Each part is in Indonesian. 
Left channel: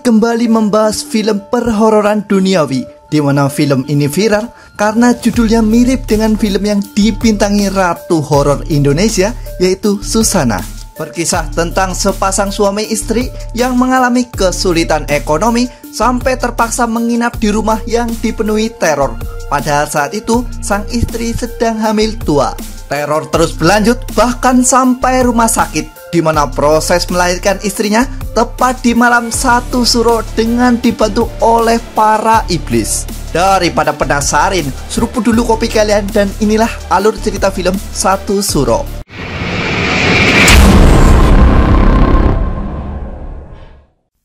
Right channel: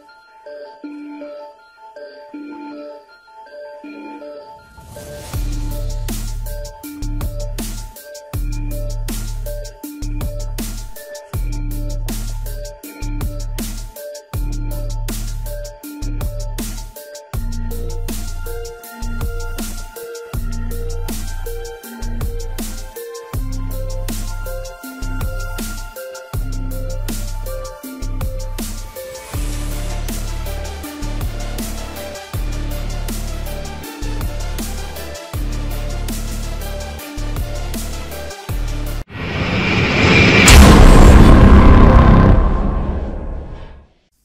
kembali membahas film perhororan duniawi, di mana film ini viral karena judulnya mirip dengan film yang dibintangi ratu horor Indonesia, yaitu Susana. Berkisah tentang sepasang suami istri yang mengalami kesulitan ekonomi sampai terpaksa menginap di rumah yang dipenuhi teror. Padahal saat itu sang istri sedang hamil tua. Teror terus berlanjut bahkan sampai rumah sakit, di mana proses melahirkan istrinya tepat di malam 1 Suro dengan dibantu oleh para iblis. Daripada penasaran, seruput dulu kopi kalian dan inilah alur cerita film 1 Suro.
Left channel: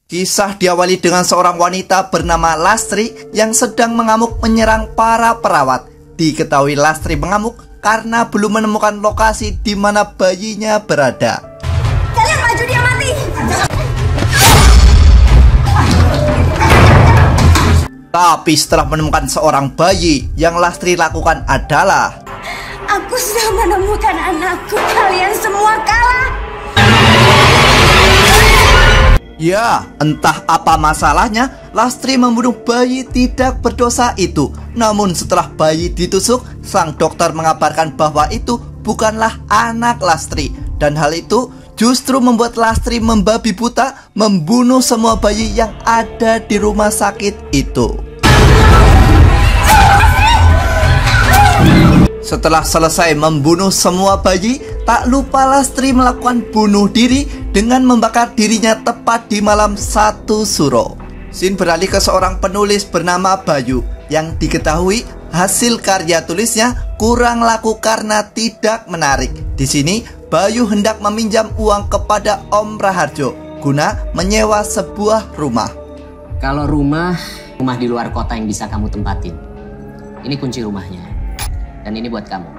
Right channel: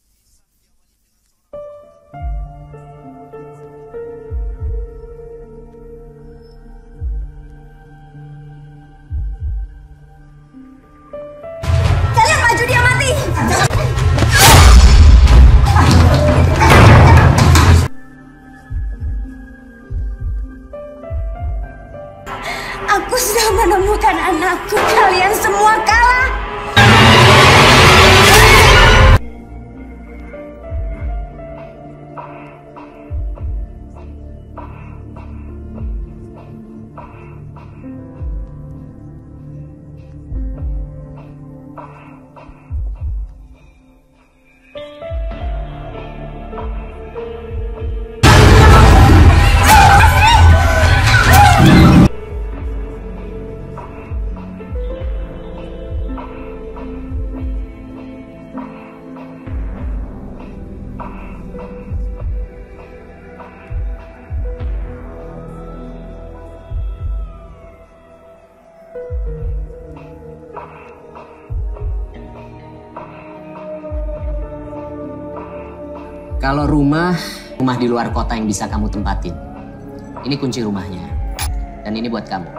Kisah diawali dengan seorang wanita bernama Lastri yang sedang mengamuk menyerang para perawat. Diketahui Lastri mengamuk karena belum menemukan lokasi di mana bayinya berada. Kalian maju, dia mati. Tapi setelah menemukan seorang bayi, yang Lastri lakukan adalah, aku sudah menemukan anakku. Kalian semua kalah. ya, entah apa masalahnya, Lastri membunuh bayi tidak berdosa itu. Namun setelah bayi ditusuk, sang dokter mengabarkan bahwa itu bukanlah anak Lastri. Dan hal itu justru membuat Lastri membabi buta membunuh semua bayi yang ada di rumah sakit itu. Setelah selesai membunuh semua bayi, tak lupa Lastri melakukan bunuh diri dengan membakar dirinya tepat di malam 1 Suro. Scene beralih ke seorang penulis bernama Bayu yang diketahui hasil karya tulisnya kurang laku karena tidak menarik. Di sini Bayu hendak meminjam uang kepada Om Raharjo guna menyewa sebuah rumah. Kalau rumah di luar kota yang bisa kamu tempatin. Ini kunci rumahnya. Dan ini buat kamu.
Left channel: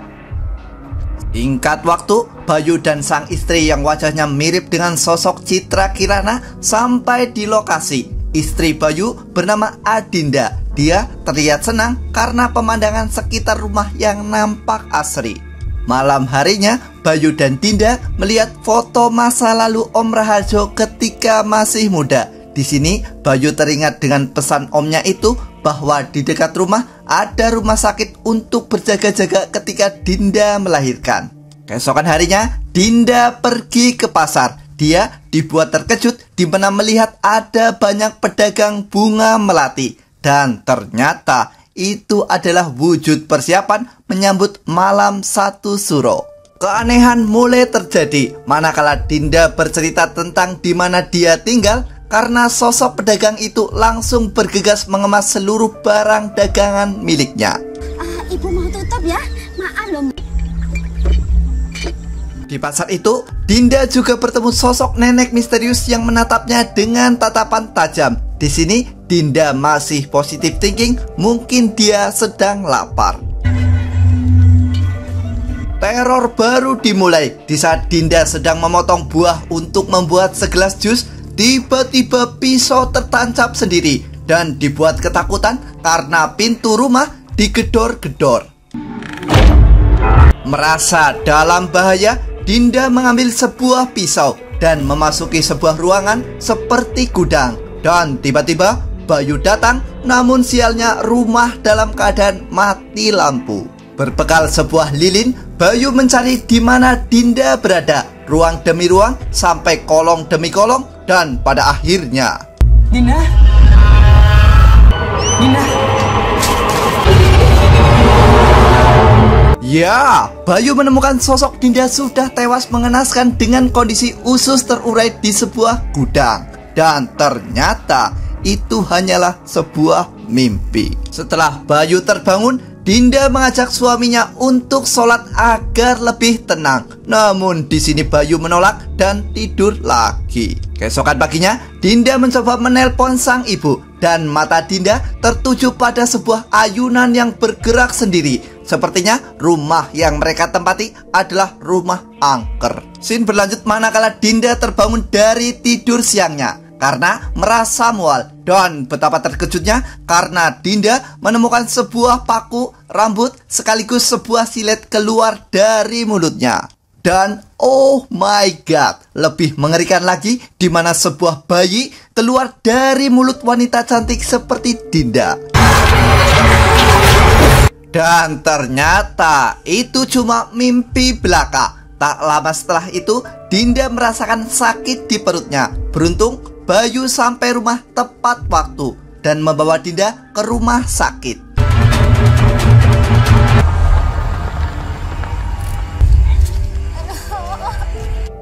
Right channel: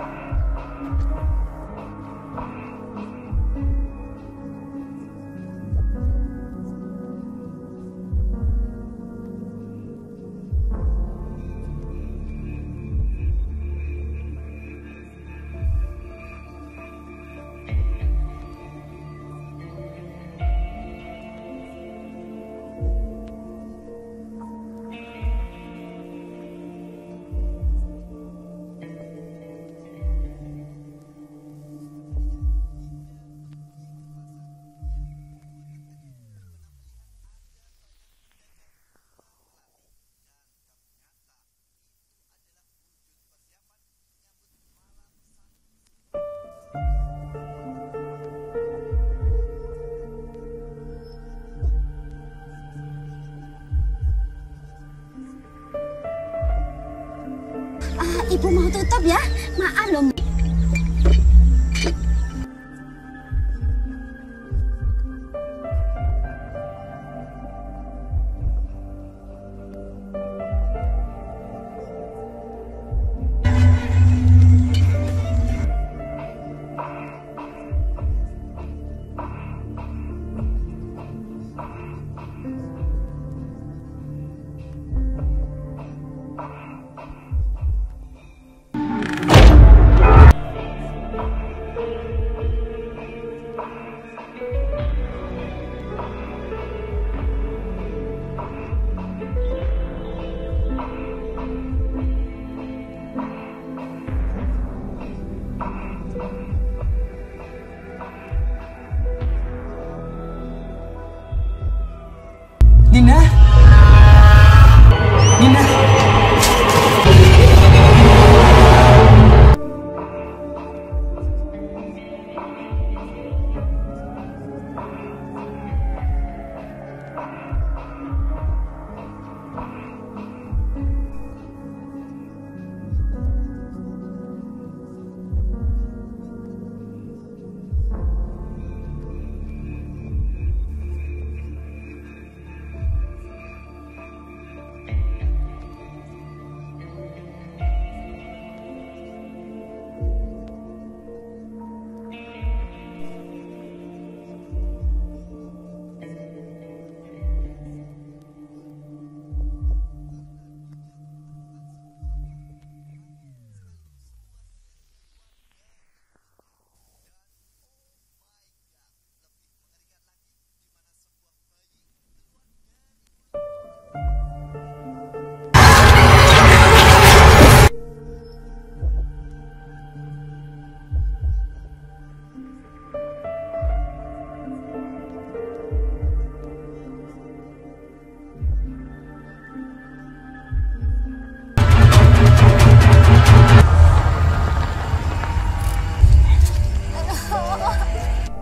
Singkat waktu, Bayu dan sang istri yang wajahnya mirip dengan sosok Citra Kirana sampai di lokasi. Istri Bayu bernama Adinda. Dia terlihat senang karena pemandangan sekitar rumah yang nampak asri. Malam harinya, Bayu dan Dinda melihat foto masa lalu Om Raharjo ketika masih muda. Di sini, Bayu teringat dengan pesan omnya itu bahwa di dekat rumah ada rumah sakit untuk berjaga-jaga ketika Dinda melahirkan. Keesokan harinya, Dinda pergi ke pasar. Dia dibuat terkejut di mana melihat ada banyak pedagang bunga melati. Dan ternyata itu adalah wujud persiapan menyambut malam 1 Suro. Keanehan mulai terjadi manakala Dinda bercerita tentang di mana dia tinggal, karena sosok pedagang itu langsung bergegas mengemas seluruh barang dagangan miliknya. Ibu mau tutup ya? Maaf loh. Di pasar itu, Dinda juga bertemu sosok nenek misterius yang menatapnya dengan tatapan tajam. Di sini, Dinda masih positive thinking, mungkin dia sedang lapar. Teror baru dimulai di saat Dinda sedang memotong buah untuk membuat segelas jus. Tiba-tiba pisau tertancap sendiri dan dibuat ketakutan karena pintu rumah digedor-gedor. Merasa dalam bahaya, Dinda mengambil sebuah pisau dan memasuki sebuah ruangan seperti gudang. Dan tiba-tiba Bayu datang, namun sialnya rumah dalam keadaan mati lampu. Berbekal sebuah lilin, Bayu mencari di mana Dinda berada, ruang demi ruang sampai kolong demi kolong, dan pada akhirnya Dinda. ya, Bayu menemukan sosok Dinda sudah tewas mengenaskan dengan kondisi usus terurai di sebuah gudang. Dan ternyata itu hanyalah sebuah mimpi. Setelah Bayu terbangun, Dinda mengajak suaminya untuk sholat agar lebih tenang. Namun di sini Bayu menolak dan tidur lagi. Keesokan paginya, Dinda mencoba menelpon sang ibu dan mata Dinda tertuju pada sebuah ayunan yang bergerak sendiri. Sepertinya rumah yang mereka tempati adalah rumah angker. Scene berlanjut manakala Dinda terbangun dari tidur siangnya karena merasa mual, dan betapa terkejutnya karena Dinda menemukan sebuah paku rambut sekaligus sebuah silet keluar dari mulutnya. Dan oh my god, lebih mengerikan lagi di mana sebuah bayi keluar dari mulut wanita cantik seperti Dinda. Dan ternyata itu cuma mimpi belaka. Tak lama setelah itu, Dinda merasakan sakit di perutnya. Beruntung, Bayu sampai rumah tepat waktu dan membawa Dinda ke rumah sakit.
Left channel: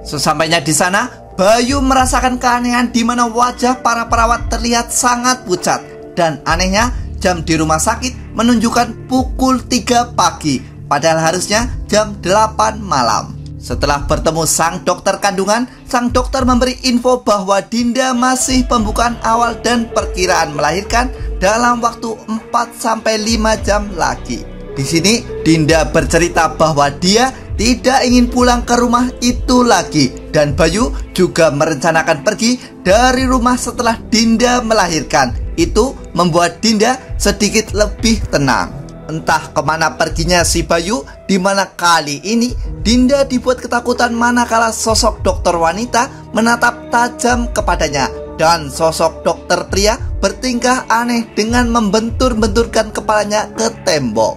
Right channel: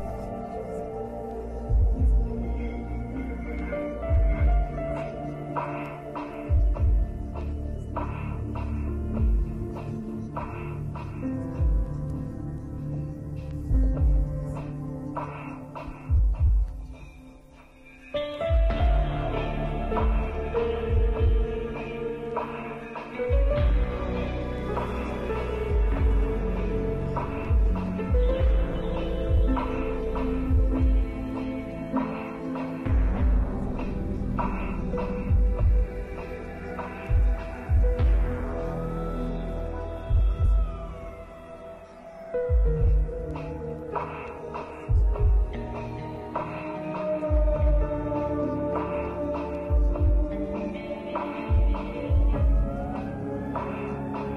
Sesampainya di sana, Bayu merasakan keanehan di mana wajah para perawat terlihat sangat pucat. Dan anehnya, jam di rumah sakit menunjukkan pukul 3 pagi, padahal harusnya jam 8 malam. Setelah bertemu sang dokter kandungan, sang dokter memberi info bahwa Dinda masih pembukaan awal dan perkiraan melahirkan dalam waktu 4-5 jam lagi. Di sini Dinda bercerita bahwa dia tidak ingin pulang ke rumah itu lagi, dan Bayu juga merencanakan pergi dari rumah setelah Dinda melahirkan. Itu membuat Dinda sedikit lebih tenang. Entah kemana perginya si Bayu, di mana kali ini Dinda dibuat ketakutan manakala sosok dokter wanita menatap tajam kepadanya, dan sosok dokter pria bertingkah aneh dengan membentur-benturkan kepalanya ke tembok.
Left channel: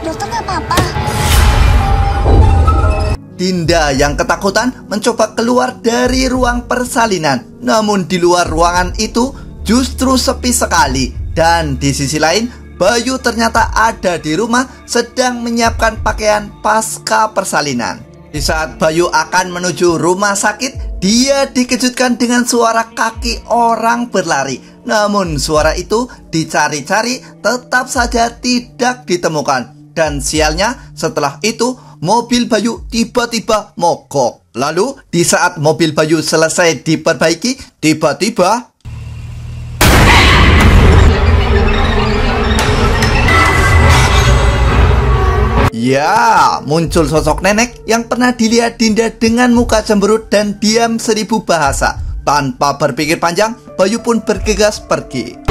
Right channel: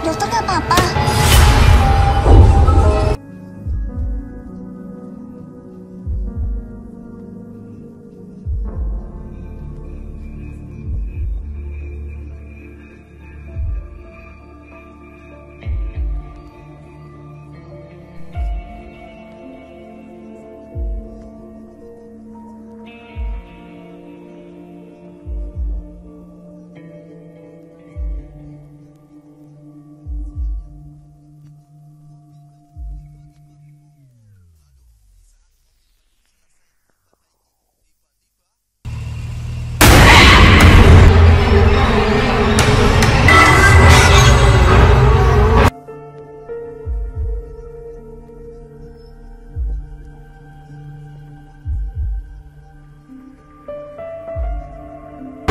Dokter gak apa-apa. Dinda yang ketakutan mencoba keluar dari ruang persalinan. Namun di luar ruangan itu justru sepi sekali. Dan di sisi lain, Bayu ternyata ada di rumah sedang menyiapkan pakaian pasca persalinan. Di saat Bayu akan menuju rumah sakit, dia dikejutkan dengan suara kaki orang berlari. Namun suara itu dicari-cari tetap saja tidak ditemukan. Dan sialnya, setelah itu mobil Bayu tiba-tiba mogok. Lalu di saat mobil Bayu selesai diperbaiki, tiba-tiba ya, muncul sosok nenek yang pernah dilihat Dinda dengan muka cemberut dan diam 1000 bahasa. Tanpa berpikir panjang, Bayu pun bergegas pergi.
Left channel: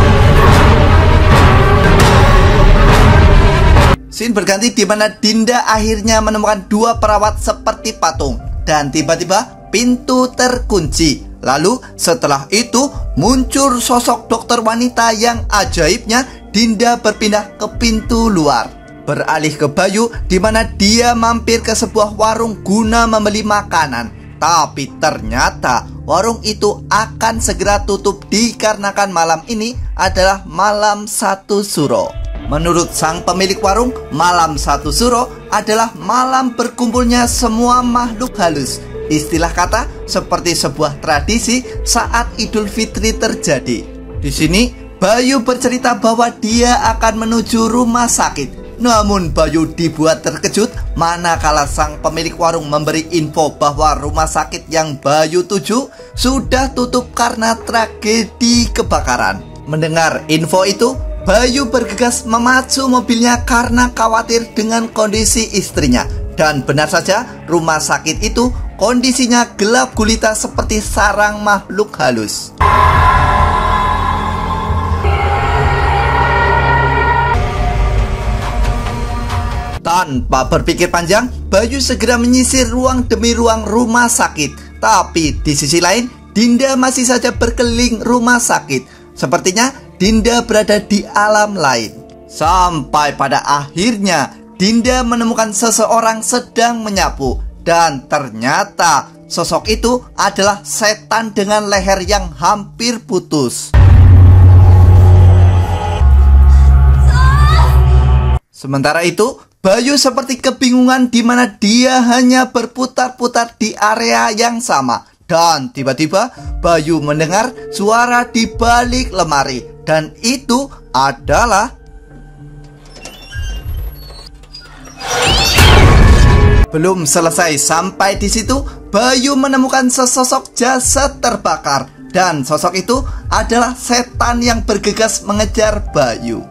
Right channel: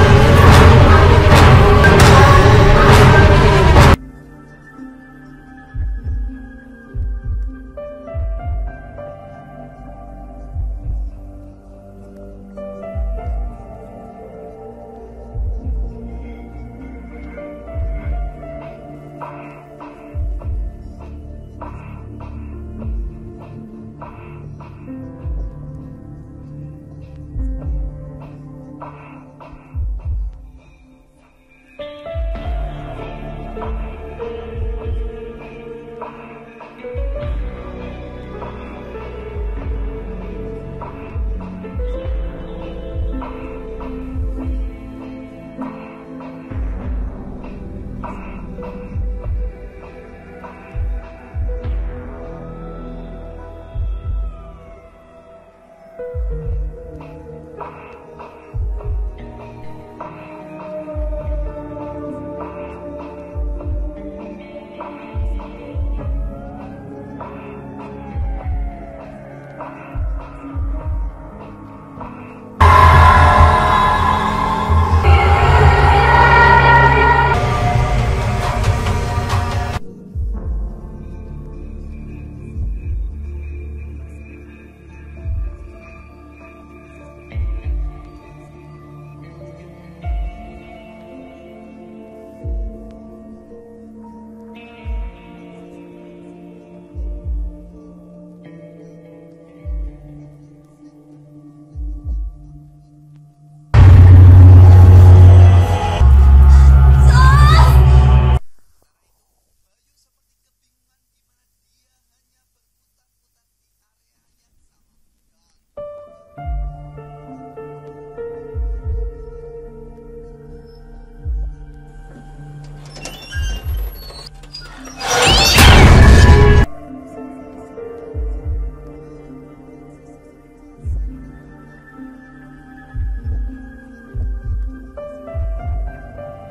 Scene berganti di mana Dinda akhirnya menemukan 2 perawat seperti patung. Dan tiba-tiba pintu terkunci. Lalu setelah itu muncul sosok dokter wanita yang ajaibnya Dinda berpindah ke pintu luar. Beralih ke Bayu di mana dia mampir ke sebuah warung guna membeli makanan. Tapi ternyata warung itu akan segera tutup dikarenakan malam ini adalah malam 1 Suro. Menurut sang pemilik warung, malam 1 Suro adalah malam berkumpulnya semua makhluk halus. Istilah kata seperti sebuah tradisi saat Idul Fitri terjadi. Di sini Bayu bercerita bahwa dia akan menuju rumah sakit. Namun Bayu dibuat terkejut manakala sang pemilik warung memberi info bahwa rumah sakit yang Bayu tuju sudah tutup karena tragedi kebakaran. Mendengar info itu, Bayu bergegas memacu mobilnya karena khawatir dengan kondisi istrinya. Dan benar saja, rumah sakit itu kondisinya gelap gulita seperti sarang makhluk halus. Tanpa berpikir panjang, Bayu segera menyisir ruang demi ruang rumah sakit. Tapi di sisi lain, Dinda masih saja berkeliling rumah sakit. Sepertinya Dinda berada di alam lain. Sampai pada akhirnya Dinda menemukan seseorang sedang menyapu. Dan ternyata sosok itu adalah setan dengan leher yang hampir putus. Sementara itu Bayu seperti kebingungan di mana dia hanya berputar-putar di area yang sama. Dan tiba-tiba Bayu mendengar suara di balik lemari. Dan itu adalah... Belum selesai sampai di situ, Bayu menemukan sesosok jasad terbakar. Dan sosok itu adalah setan yang bergegas mengejar Bayu.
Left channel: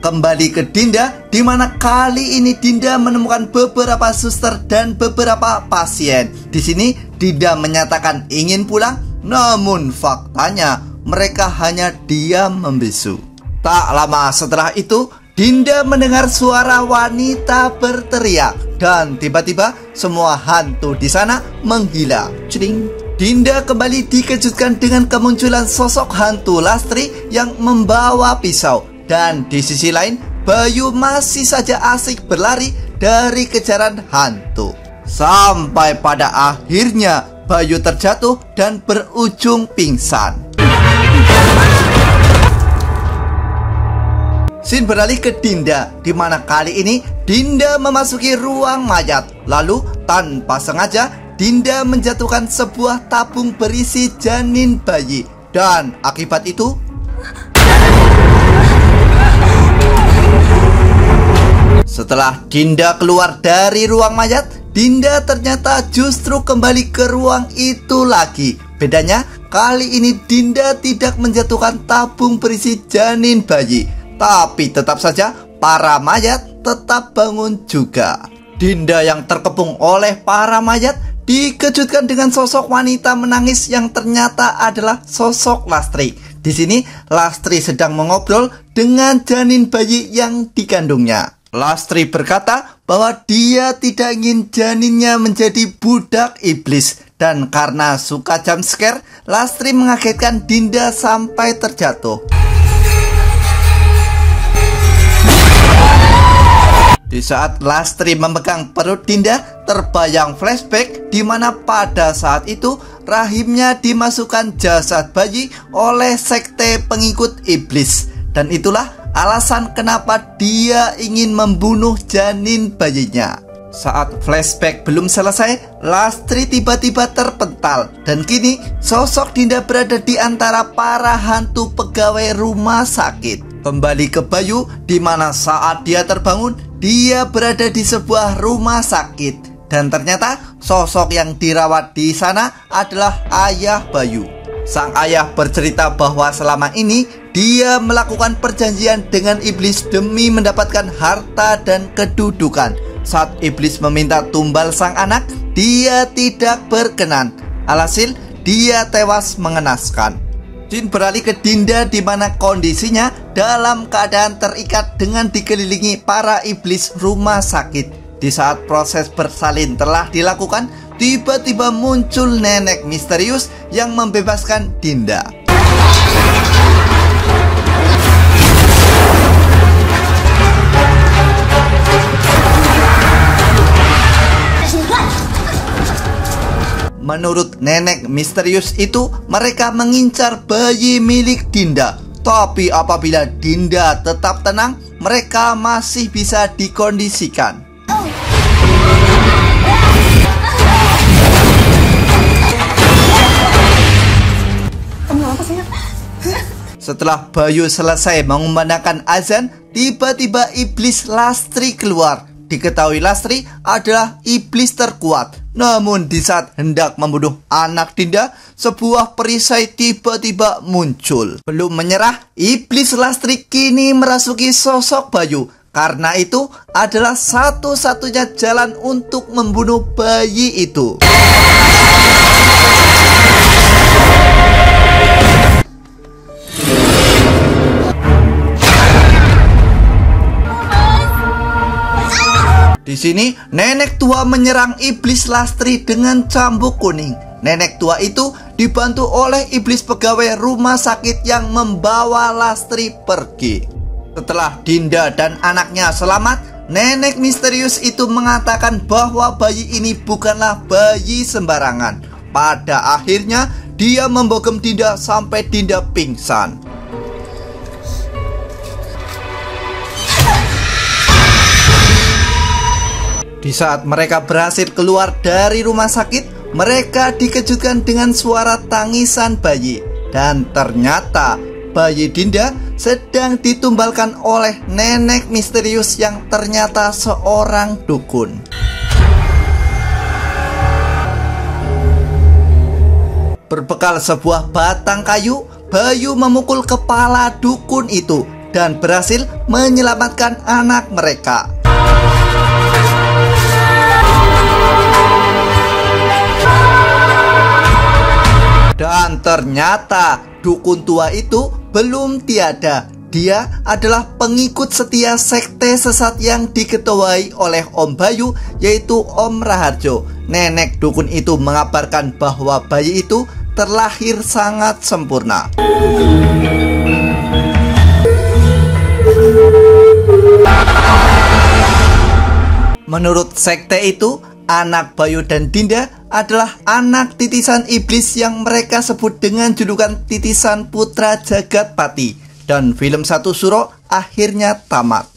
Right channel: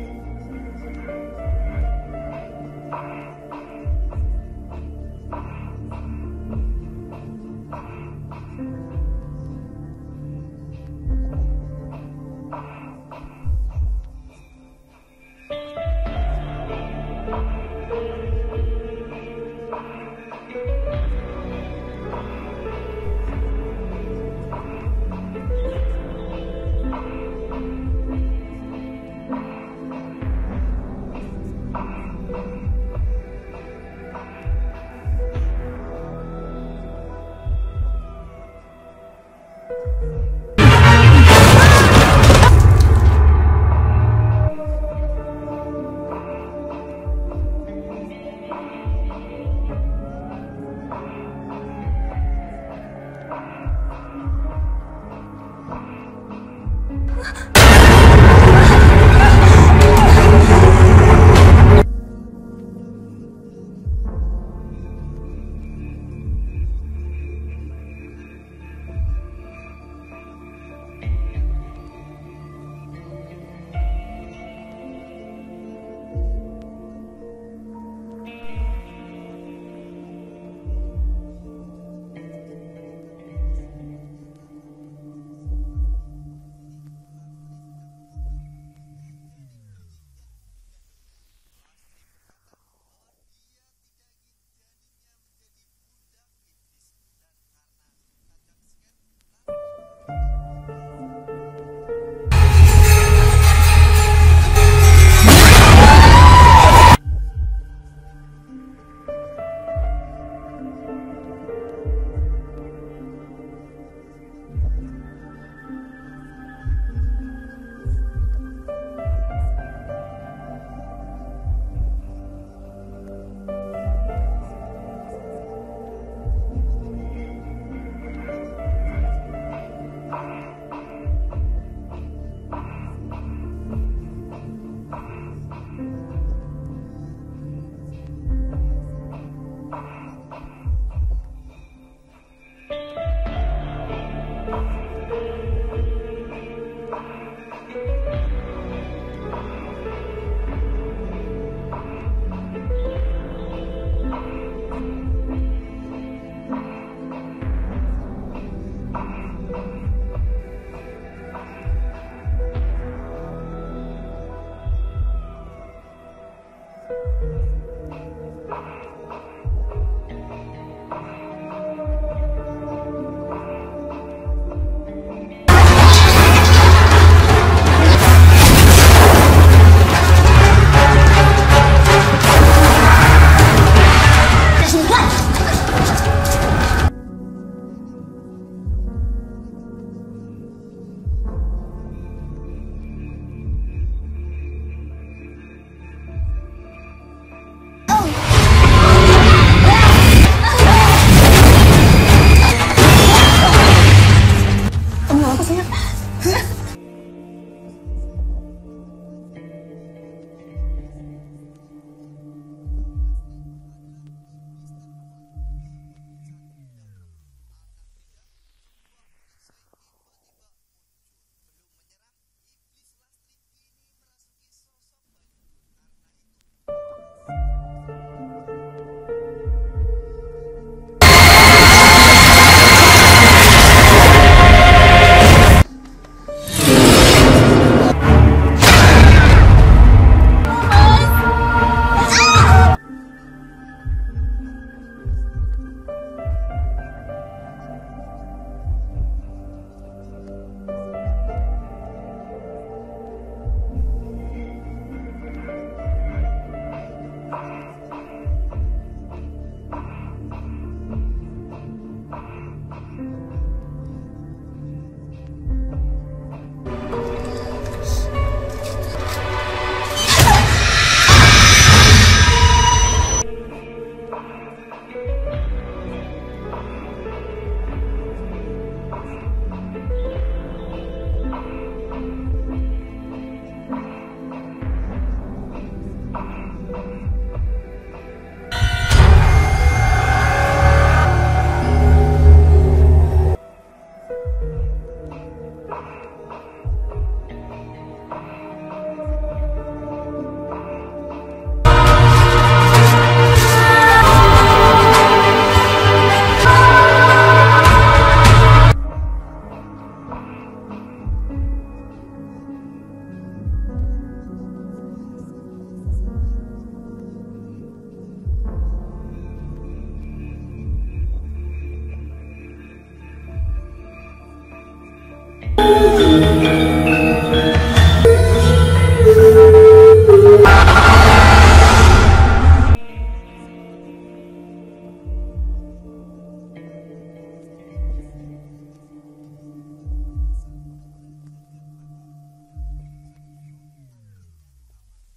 Kembali ke Dinda, di mana kali ini Dinda menemukan beberapa suster dan beberapa pasien. Di sini Dinda menyatakan ingin pulang, namun faktanya mereka hanya diam membisu. Tak lama setelah itu, Dinda mendengar suara wanita berteriak dan tiba-tiba semua hantu di sana menghilang. Cering. Dinda kembali dikejutkan dengan kemunculan sosok hantu Lastri yang membawa pisau. Dan di sisi lain, Bayu masih saja asik berlari dari kejaran hantu. Sampai pada akhirnya Bayu terjatuh dan berujung pingsan. Scene beralih ke Dinda, di mana kali ini Dinda memasuki ruang mayat. Lalu tanpa sengaja Dinda menjatuhkan sebuah tabung berisi janin bayi. Dan akibat itu setelah Dinda keluar dari ruang mayat, Dinda ternyata justru kembali ke ruang itu lagi. Bedanya kali ini Dinda tidak menjatuhkan tabung berisi janin bayi. Tapi tetap saja para mayat tetap bangun juga. Dinda yang terkepung oleh para mayat dikejutkan dengan sosok wanita menangis yang ternyata adalah sosok Lastri. Di sini Lastri sedang mengobrol dengan janin bayi yang dikandungnya. Lastri berkata bahwa dia tidak ingin janinnya menjadi budak iblis. Dan karena suka jump scare, Lastri mengagetkan Dinda sampai terjatuh. Di saat Lastri memegang perut Dinda, terbayang flashback di mana pada saat itu rahimnya dimasukkan jasad bayi oleh sekte pengikut iblis. Dan itulah alasan kenapa dia ingin membunuh janin bayinya. Saat flashback belum selesai, Lastri tiba-tiba terpental. Dan kini sosok Dinda berada di antara para hantu pegawai rumah sakit. Kembali ke Bayu, di mana saat dia terbangun, dia berada di sebuah rumah sakit. Dan ternyata sosok yang dirawat di sana adalah ayah Bayu. Sang ayah bercerita bahwa selama ini dia melakukan perjanjian dengan iblis demi mendapatkan harta dan kedudukan. Saat iblis meminta tumbal sang anak, dia tidak berkenan. Alhasil, dia tewas mengenaskan. Scene beralih ke Dinda di mana kondisinya dalam keadaan terikat dengan dikelilingi para iblis rumah sakit. Di saat proses bersalin telah dilakukan, tiba-tiba muncul nenek misterius yang membebaskan Dinda. Menurut nenek misterius itu, mereka mengincar bayi milik Dinda. Tapi apabila Dinda tetap tenang, mereka masih bisa dikondisikan. Setelah Bayu selesai mengumandangkan azan, tiba-tiba iblis Lastri keluar. Diketahui Lastri adalah iblis terkuat. Namun di saat hendak membunuh anak Dinda, sebuah perisai tiba-tiba muncul. Belum menyerah, iblis Lastri kini merasuki sosok Bayu. Karena itu adalah satu-satunya jalan untuk membunuh bayi itu. Di sini, nenek tua menyerang iblis Lastri dengan cambuk kuning. Nenek tua itu dibantu oleh iblis pegawai rumah sakit yang membawa Lastri pergi. Setelah Dinda dan anaknya selamat, nenek misterius itu mengatakan bahwa bayi ini bukanlah bayi sembarangan. Pada akhirnya, dia membogem Dinda sampai Dinda pingsan. Di saat mereka berhasil keluar dari rumah sakit, mereka dikejutkan dengan suara tangisan bayi. Dan ternyata bayi Dinda sedang ditumbalkan oleh nenek misterius yang ternyata seorang dukun. Berbekal sebuah batang kayu, Bayu memukul kepala dukun itu dan berhasil menyelamatkan anak mereka. Dan ternyata dukun tua itu belum tiada. Dia adalah pengikut setia sekte sesat yang diketuai oleh Om Bayu, yaitu Om Raharjo. Nenek dukun itu mengabarkan bahwa bayi itu terlahir sangat sempurna. Menurut sekte itu, anak Bayu dan Dinda adalah anak titisan iblis yang mereka sebut dengan julukan titisan putra Jagat Pati. Dan film Satu Suro akhirnya tamat.